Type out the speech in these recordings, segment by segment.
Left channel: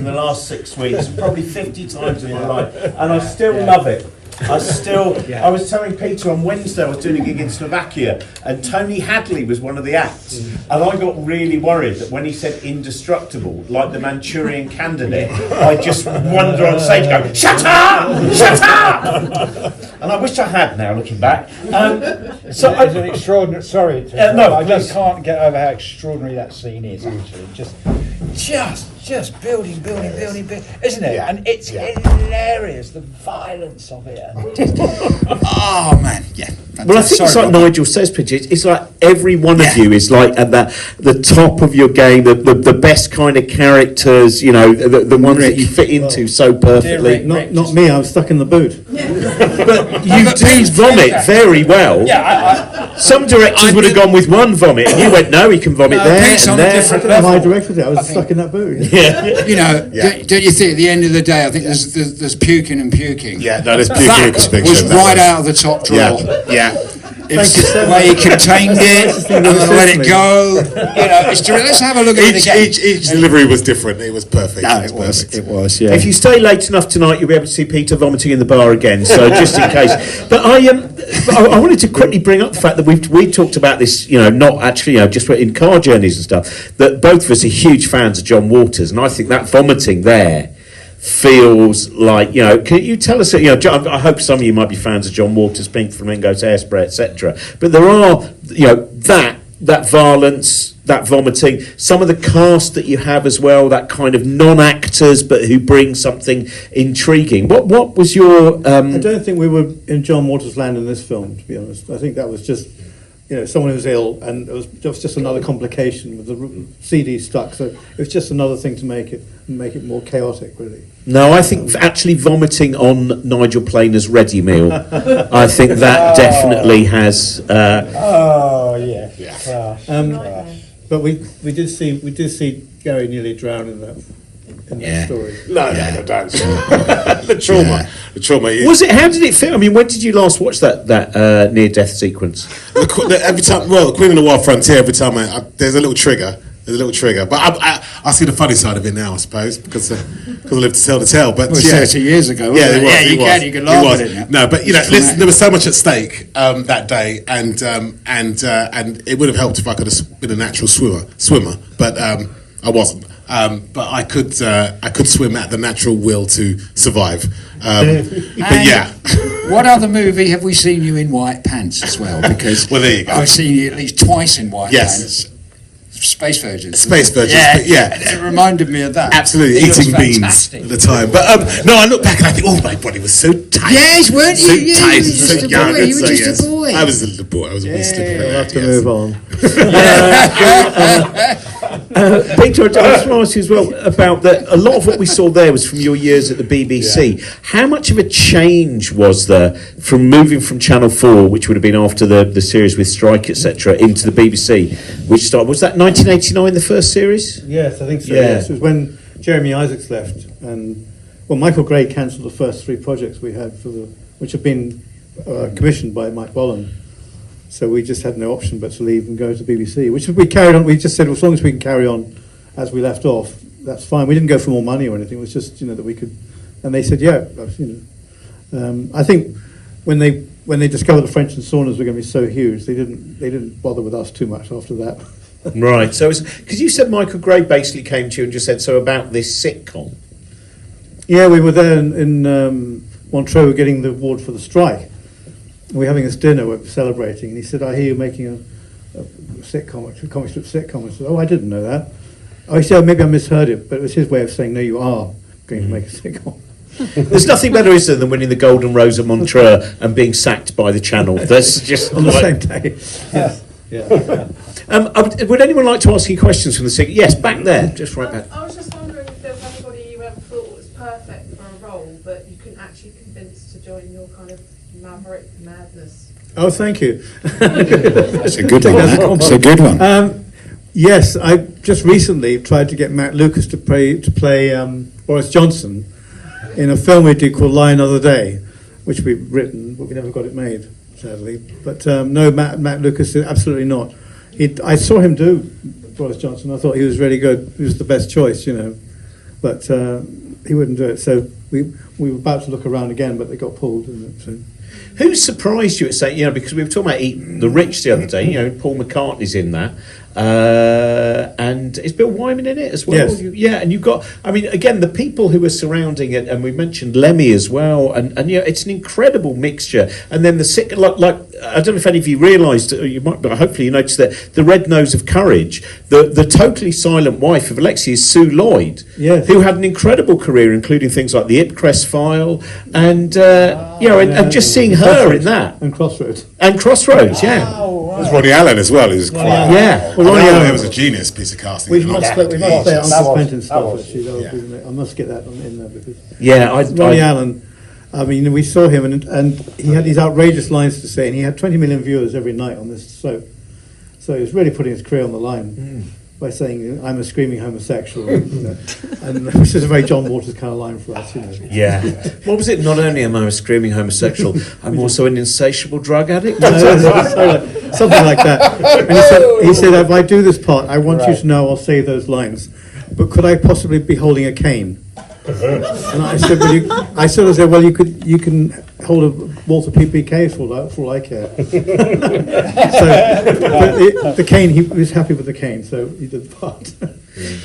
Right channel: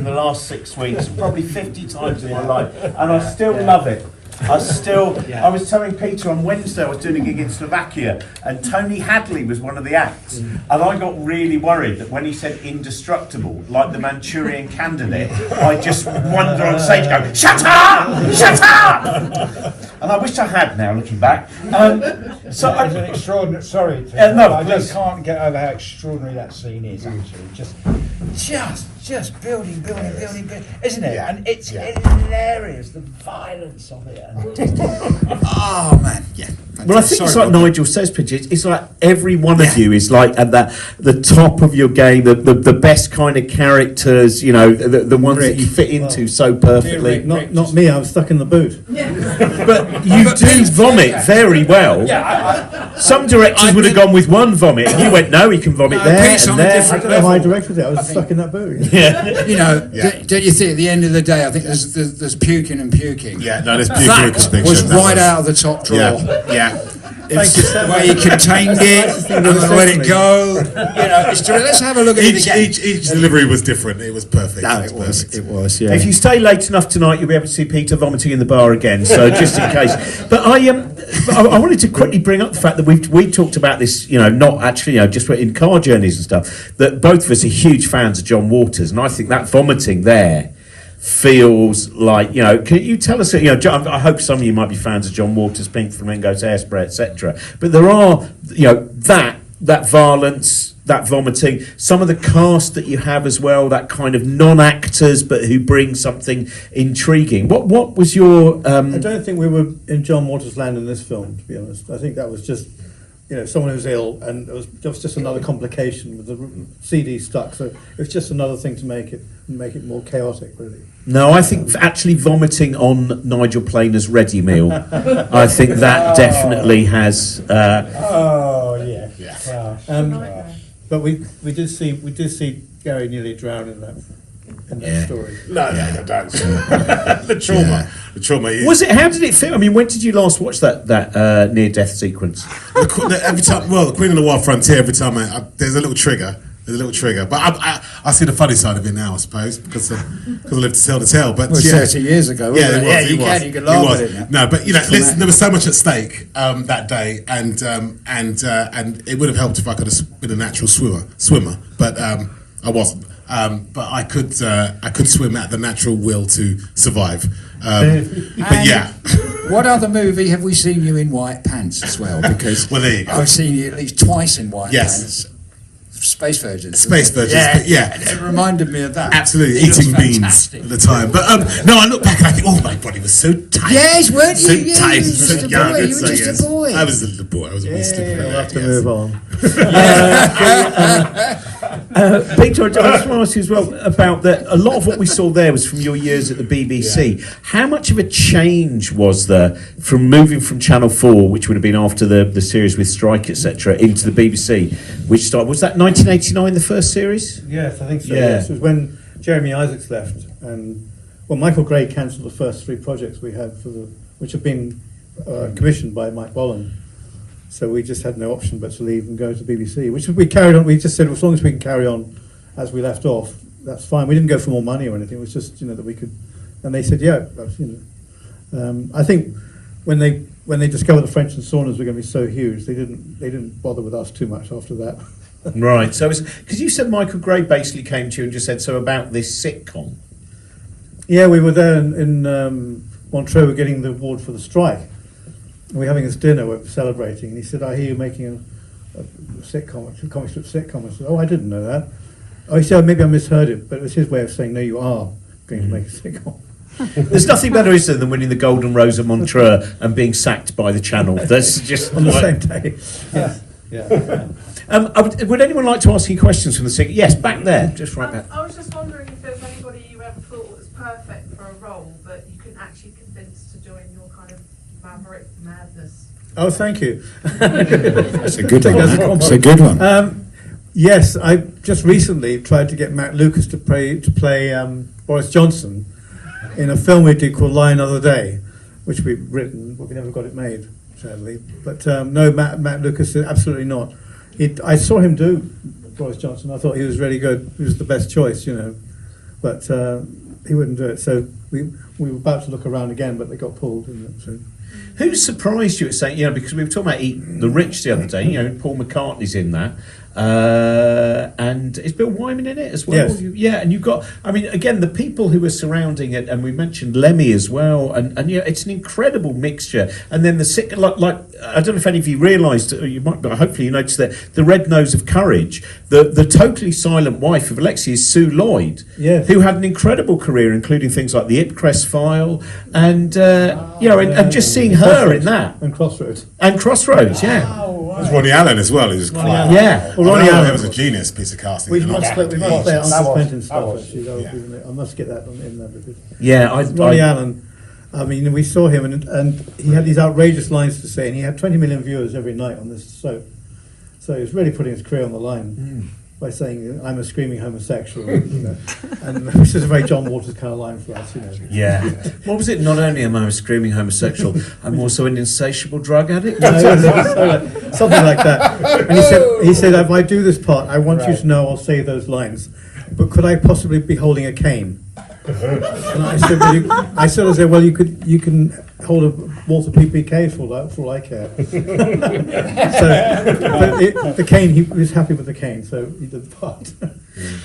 in the last 6 weeks, probably 50 times in my life, and I still love it. I was telling Peter on Wednesday I was doing a gig in Slovakia, and Tony Hadley was one of the acts, and I got really worried that when he said indestructible, like the Manchurian Candidate, I just wander on stage and go, shut up! Shut up! And I wish I had now, looking back. So it's an extraordinary. Sorry, I just can't get over how extraordinary that scene is. Actually, just building, isn't it? Yeah. And it's hilarious, the violence of it. Oh man, yeah. Well, I think it's like Nigel says, Pidge, it's like every one of you is like at the top of your game, the best kind of characters, you know, the ones that you fit into so perfectly. Not me, I was stuck in the boot. But you do vomit very well. Some directors would have gone with one vomit, and you went, no, he can vomit there and there. I don't know how I directed it, I was stuck in that boot. Yeah. You know, don't you think at the end of the day, I think there's puking and puking. Yeah, no, there's puking That was right out of the top drawer. Yeah. It's the way he contained it, and let it go. You know, let's have a look at it again. Each delivery was different. It was perfect. No, it was. Yeah. If you stay late enough tonight, you'll be able to see Peter vomiting in the bar again. So just in case. But I wanted to quickly bring up the fact that we talked about this, you know, not actually, you know, just in car journeys and stuff. That both of us are huge fans of John Waters, and I think that vomiting there feels like, you know, can you tell us, you know, I hope some of you might be fans of John Waters, Pink Flamingos, Hairspray, etc. But there are, you know, that violence, that vomiting, some of the cast that you have as well, that kind of non-actors but who bring something intriguing. What was your? I don't think we were in John Waters' land in this film, to be honest. I think that was just, you know, someone who was ill, and it was just another complication with the CD stuck. So it was just another thing to make it more chaotic, really. No, I think actually vomiting on Nigel Planer's ready meal, I think that definitely has. But we did see Gary nearly drown in that story. No, don't. The trauma. Is, Was it? How did it feel? I mean, when did you last watch that near-death sequence? every time, the Queen of the Wild Frontier. Every time there's a little trigger. But I see the funny side of it now, I suppose, because I live to tell the tale. But 30 years ago. Wasn't it? You can laugh at it now. No, but you know, listen, there was so much at stake that day, and it would have helped if I could have been a natural swimmer, but I wasn't. But I could swim at the natural will to survive. But yeah. What other movie have we seen you in white pants as well? Because well, there you go. I've seen you at least twice in white pants. Space Virgins. Yeah. It reminded me of that. Absolutely, eating beans at the time. But no, I look back and I think, oh, my body was so tight. Yes, weren't you? So Yeah, tight, you were so just a young. boy. You were just a boy. I was a little boy. I was a little stupid. We'll have to move on. Peter, I just want to ask you as well about that. A lot of what we saw there was from your years at the BBC. Yeah. How much of a change was there from moving from Channel 4, which would have been after the series with Strike, etc., into the BBC, which started, was that 1989, the first series? Yes, I think so. Yeah. Yes. It was when Jeremy Isaacs left, and Michael Gray cancelled the first 3 projects we had which had been commissioned by Mike Bolland. So we just had no option but to leave and go to the BBC, which we carried on. We just said, well, as long as we can carry on as we left off, that's fine. We didn't go for more money or anything. It was just, you know, that we could. And they said, yeah. You know, I think when they discovered the French and Saunders were going to be so huge, they didn't bother with us too much after that. Right. So because you said Michael Gray basically came to you and just said, so about this sitcom. Yeah, we were there in Montreux getting the award for the strike. We're having this dinner, we're celebrating, and he said, I hear you're making a sitcom, a comic strip sitcom. I said, oh, I didn't know that. Oh, he said, oh, maybe I misheard it, but it was his way of saying, no, you are going to make a sitcom. There's nothing better, is there, than winning the Golden Rose of Montreux and being sacked by the Channel. That's just on the same day. Yeah. Would anyone like to ask you questions from the sitcom? Yes, back there, just right back. I was just wondering if there was anybody you ever thought was perfect for a role, but you couldn't actually convince to join your kind of maverick madness. Oh, thank you. That's a good one. That's a good one. Yes, I just recently tried to get Matt Lucas to play Boris Johnson in a film we did called Lie Another Day, which we've written, but we never got it made, sadly. But no, Matt Lucas, absolutely not. I saw him do Boris Johnson. I thought he was really good. He was the best choice, you know. but he wouldn't do it. So we were about to look around again, but they got pulled, didn't it? So. Who surprised you at saying, because we were talking about Eat the Rich the other day, Paul McCartney's in that. And is Bill Wyman in it as well? Yes. And you've got, again, the people who are surrounding it, and we mentioned Lemmy as well, and it's an incredible mixture. And then I don't know if any of you realised, or you might, but hopefully you noticed that the Red Nose of Courage, the totally silent wife of Alexi is Sue Lloyd, yes, who had an incredible career, including things like the Ipcress File, and and just seeing her in that, and Crossroads, yeah. There's Ronnie Allen as well, who's quite... Yeah. Well, Ronnie Allen was a genius piece of casting. We must play Uncle Quentin stuff, was. actually. I must get that in there, because... Ronnie Allen, we saw him, and he had these outrageous lines to say, and he had 20 million viewers every night on this soap. So he was really putting his career on the line by saying, I'm a screaming homosexual, and which is a very John Waters kind of line for us, Yeah. What was it? Not only am I a screaming homosexual, I'm also an insatiable drug addict. Something like that. And he said, if I do this part, I want you to know I'll say those lines, but could I possibly be holding a cane? And I said, well, you can hold a Walter PPK for all I care. So the cane, he was happy with the cane, so he did the part.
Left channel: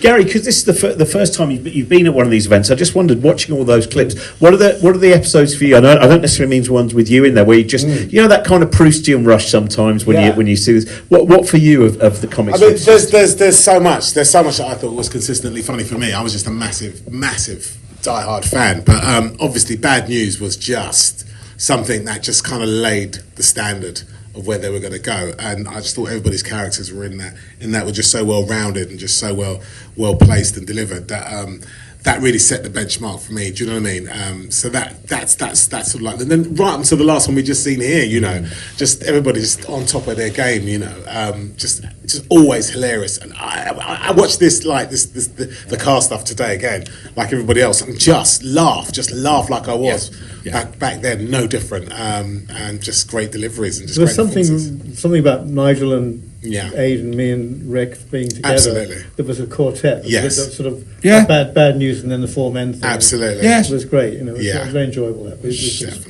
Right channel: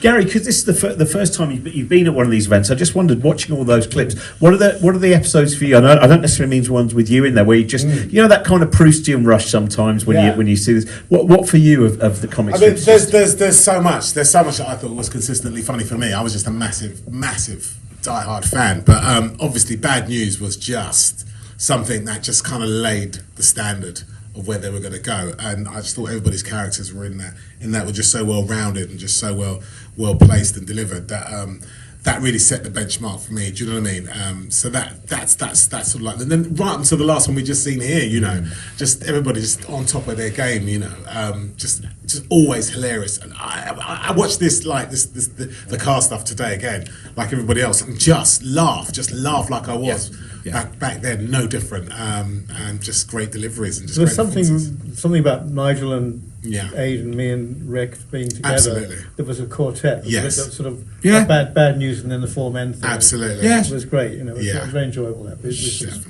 Gary, because this is the first time you've been at one of these events, I just wondered, watching all those clips, what are the episodes for you? I don't necessarily mean ones with you in there, where you just that kind of Proustian rush sometimes when you see this. What for you of the comics? There's so much that I thought was consistently funny for me. I was just a massive diehard fan, but obviously Bad News was just something that just kind of laid the standard of where they were going to go, and I just thought everybody's characters were in that were just so well rounded and just so well placed and delivered that really set the benchmark for me. Do you know what I mean? So that's sort of like, and then right until the last one we just seen here, just everybody just on top of their game, just always hilarious. And I watched this the car stuff today again, like everybody else, and just laugh like I was back then, no different, and just great deliveries and just. There's great something about Nigel and Aid and me and Rick being together. Absolutely. There was a quartet. Yes. That sort of bad news, and then the four men thing. Absolutely. Yes. It was great. It was very enjoyable. That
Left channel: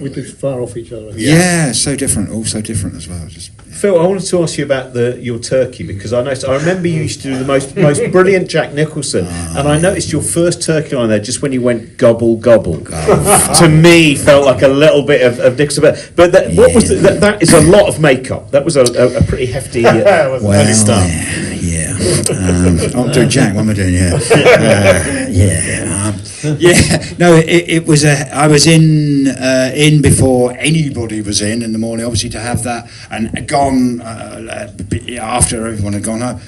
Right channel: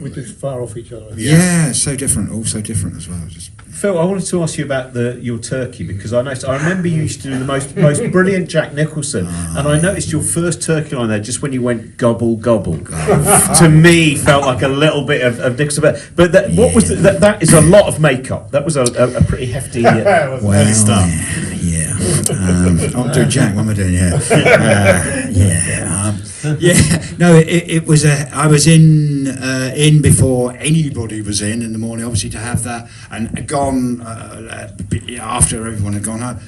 we did far off each other. Yeah, so different. All so different as well. Phil, I wanted to ask you about your turkey, because I remember you used to do the most brilliant Jack Nicholson, and I noticed your first turkey line there just when you went gobble gobble. To me, felt like a little bit of Nicholson, but that is a lot of makeup. That was a pretty hefty. Early start. I'm doing Jack. What am I doing? No, it was I was in before anybody was in the morning, obviously, to have that, and gone after everyone had gone home,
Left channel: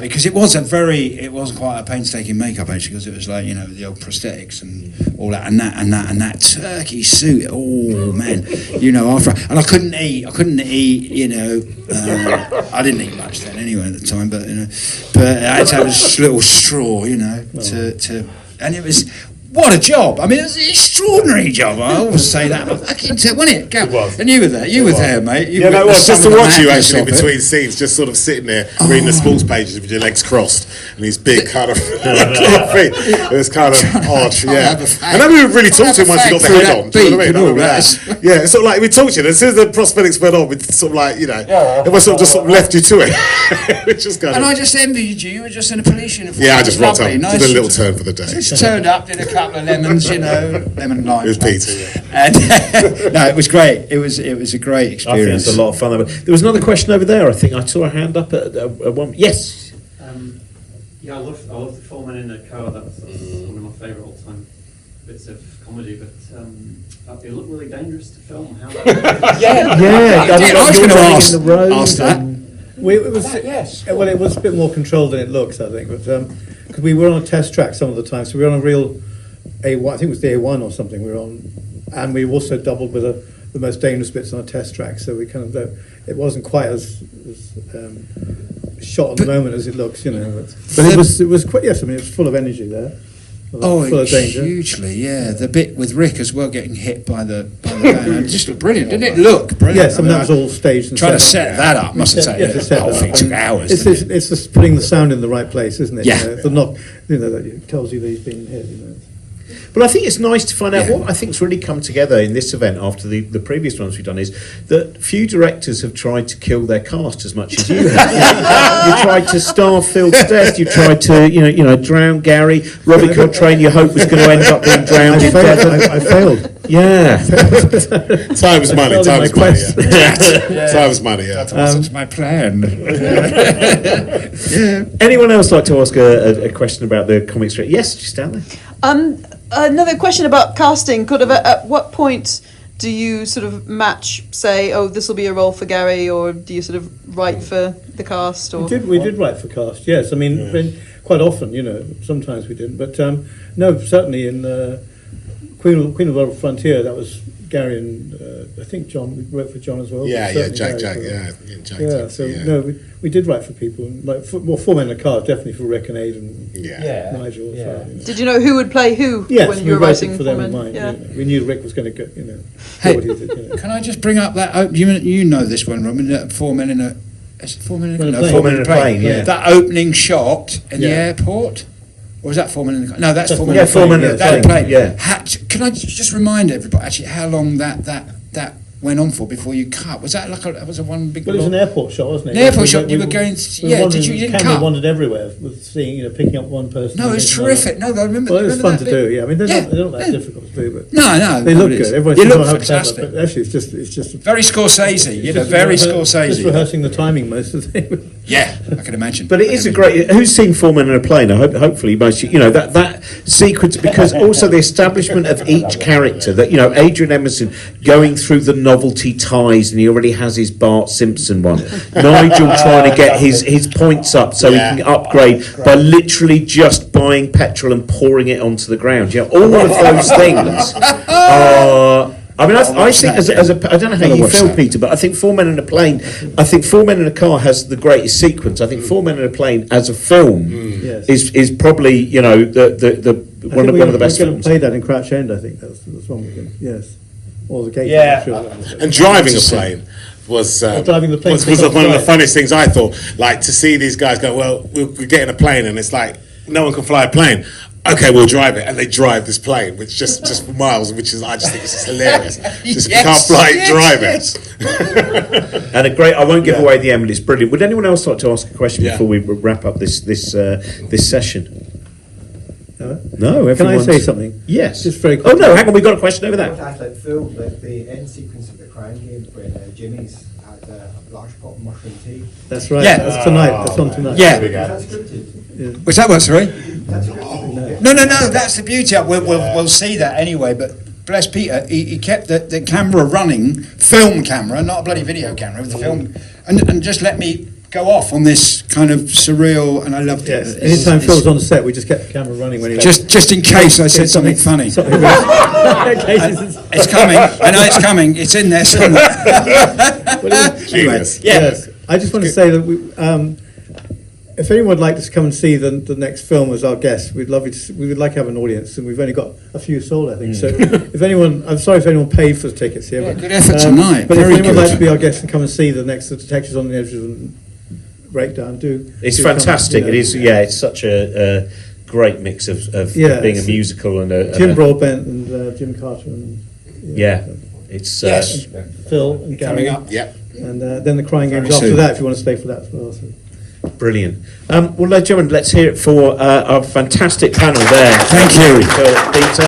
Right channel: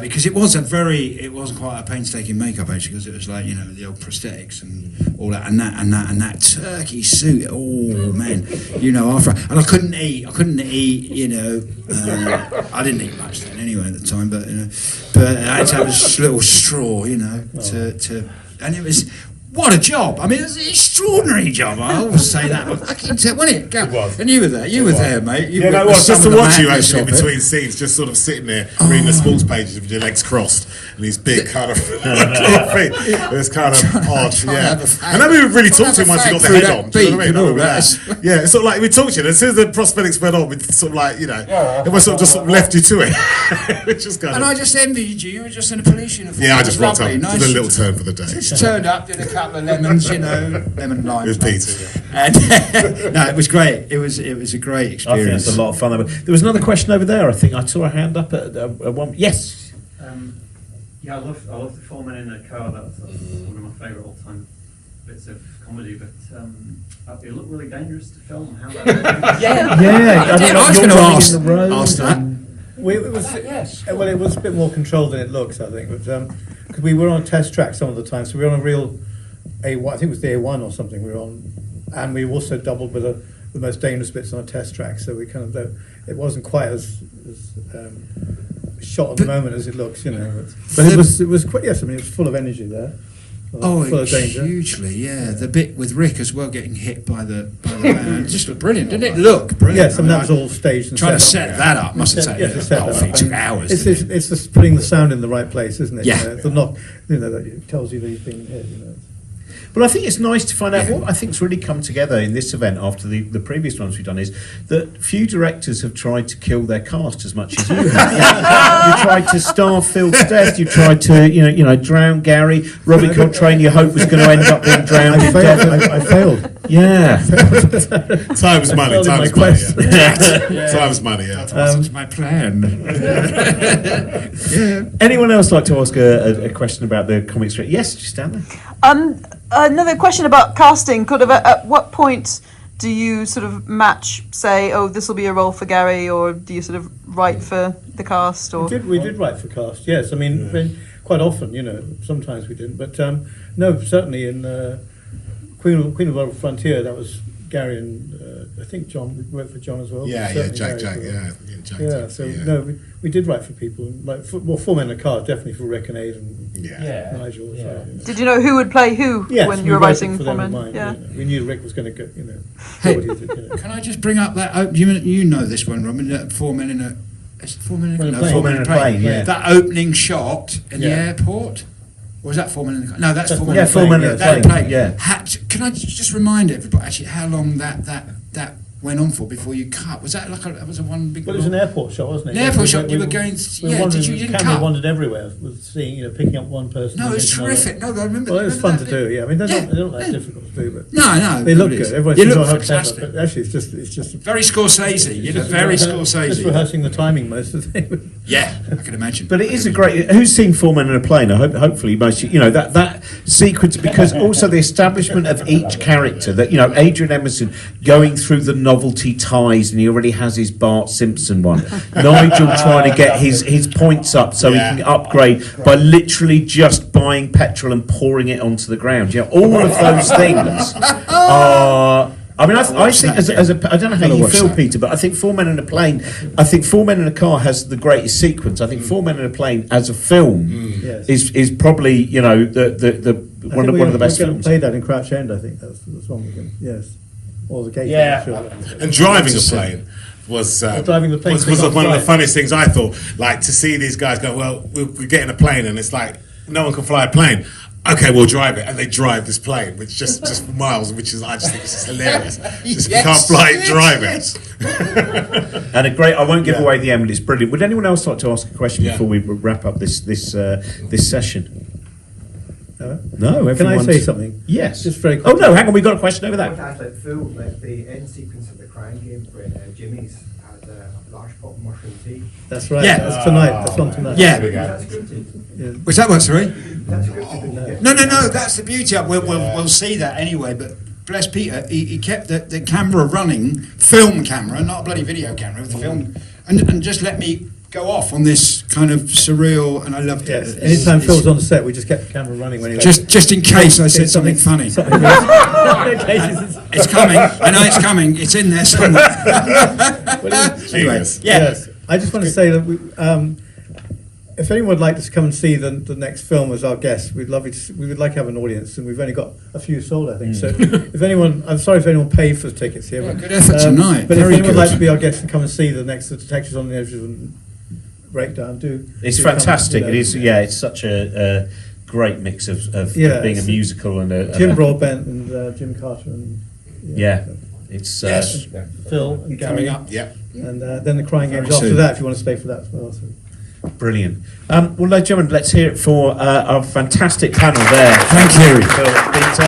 because it wasn't quite a painstaking makeup, actually, because it was like the old prosthetics and all that, and that turkey suit. Oh man, after, and I couldn't eat. I didn't eat much then anyway at the time, but I had to have a little straw, to and it was. What a job! I mean, it was an extraordinary job. I always say that. I can tell, wasn't it? Go. And you were there. You were there, mate. Just to watch you actually between scenes, just sort of sitting there reading the sports pages with your legs crossed and these big kind of feet. It was kind of odd, And then we really talked too much. You got the head on. Do you know what I mean? Yeah, it's sort of like we talked to you. And as soon as the prosthetics went on, we sort of like it was sort of just left you to it. Which is kind of. And I just envied you. You were just in a police uniform. Yeah, I just rocked up. Did a little turn for the day. Just turned up, did a couple of lemons, lemon and lime. It was Peter. And no, it was great. It was a great experience. I think it's a lot of fun. There was another question over there. I think I saw a hand up at one. Yes. I love the Four Men in a Car. That's one of my favourite all-time bits of comedy. But it looked really dangerous to film. How? I was going to ask that. It was a bit more controlled than it looks, I think, but because we were on a test track some of the time, so we were on a real A1, I think it was the A1 or something we were on, and we also doubled with the most dangerous bits on a test track, so we kind of, it wasn't quite as shot on the moment as it looks, but it was quite, yes, I mean, it was full of energy there. Oh, full of danger. hugely, yeah. The bit with Rick as well getting hit by the van. It just looked brilliant, didn't it? Look brilliant. Yes, and that was all staged and Trying to set. set that up must have taken to set the whole that thing up. took hours. It's didn't it? just putting the sound in the right place, isn't it? Yeah. The knock, that it tells you that he's been hit. But I think it's nice to find out what I think's really come together in this event after the previous ones we've done is that few directors have tried to kill their cast as much as you have. You tried to starve Phil to death. You tried to drown Gary. Robbie Coltrane, you hope was going to end up being drowned. I failed. Yeah. Time is money. Time is money. Yeah. Time is money. Yeah. That wasn't my plan. Anyone else like to ask a question about the comic strip? Yes, just down there. Another question about casting. Kind of at what point do you sort of match, say, oh, this will be a role for Gary, or do you sort of write for the cast? Or We did write for cast. Yes, I mean quite often. Sometimes we didn't, but no, certainly in Queen of the World Frontier, that was Gary and I think John. We wrote for John as well. Yeah, Jack. Yeah, so no, we did write for people, like Four Men in a Car, definitely for Rick and Aid and Nigel as well. did you know who would play who Yes, when you were writing for them for in Men? mind. We knew Rick was going to go. Hey, what he did, Can I just bring up that? You know this one, Robin. That 4 Men in a. Is it 4 Men in a? Well, No, plane. 4 Men in a plane. Yeah. That opening shot in the Yeah. airport. Or was that 4 Men in a? No, that's 4 Men Yeah, in a 4 Men in a That plane, yeah. Can I just remind everybody actually how long that went on for before you cut? Was that like a one big? Well, it was an airport shot, wasn't it? An airport shot, you were going. Yeah, did you didn't camera cut? wandered everywhere with seeing, picking up one person. No, it was against another. terrific. No, I remember. Well, it was remember fun that to bit? do. Yeah, I mean they're not that yeah. difficult to do, but No, they look it is. good. Everyone They says, look "Oh, how clever," fantastic. but actually it's just Very Scorsese, just very Just Scorsese. rehearsing the timing most of the thing. Yeah, I can imagine. But it is a great. Who's seen 4 Men in a Plane? I hope, hopefully, most that sequence, because also the establishment of each character. That Adrian Emerson going through the novelty ties, and he already has his Bart Simpson one. Nigel trying to get his points up so he can upgrade by literally just buying petrol and pouring it onto the ground. All of those things are. I mean, I think as a I don't know how you feel, Peter, but I think 4 Men in a Plane. I think 4 Men in a Car has the greatest sequence. I think 4 Men in a Plane as a film Yes. is probably the one of the best We're going films. to play that in Crouch End. I think that's one of them. Yes, or the Gate. Yeah. I'm sure. And driving a plane was driving the plane was to one of the fly. funniest things I thought. Like to see these guys go, well, we're getting a plane, and it's like no one can fly a plane. Okay, we'll drive it, and they drive this plane, which just for miles, I just think it's just hilarious. Just Yes, can't fly, yes, drive yes. it. And I won't give away the end, but it's brilliant. Would anyone else like to ask a question before we wrap up this session? No, Can I everyone's- say something? Yes. Just very Oh quickly. no, hang on, we've got a question over Like there. that film, like the end sequence of the Crown Games when Jimmy's had a large pot of mushroom tea. That's right. Yeah. That's tonight. That's on tonight. Yeah. Is that scripted? Was that what, sorry? That's scripted. No, that's the beauty of it. We'll see that anyway, but bless Peter, he kept the camera running, film camera, not a bloody video camera, with the film, and just let me go off on this kind of surreal, and I loved it. Yes. Anytime Phil's on set, we just kept the camera running when he Just in case I said something funny. It's coming. I know it's coming. It's in there somewhere. Genius. Yes. I just want to say that if anyone would like to come and see the next film as our guest, we would like to have an audience, and we've only got a few sold, I think. So if anyone, I'm sorry if anyone paid for the tickets here. Yeah, good effort tonight. But if Very anyone would like good. to be our guest and come and see the next Detectives on the Edge of the Breakdown, It's do come, fantastic. you know. It is. Yeah, it's such a great mix of Yeah, being a it's musical and a Jim Broadbent and Jim Carter and Yeah, it's Yes. Phil and Gary. Coming up. Yeah. And then the Crying Games Very after soon. that, if you want to stay for that as well. So. brilliant. Well, ladies and gentlemen, let's hear it for our fantastic panel there. Thank you. For Peter.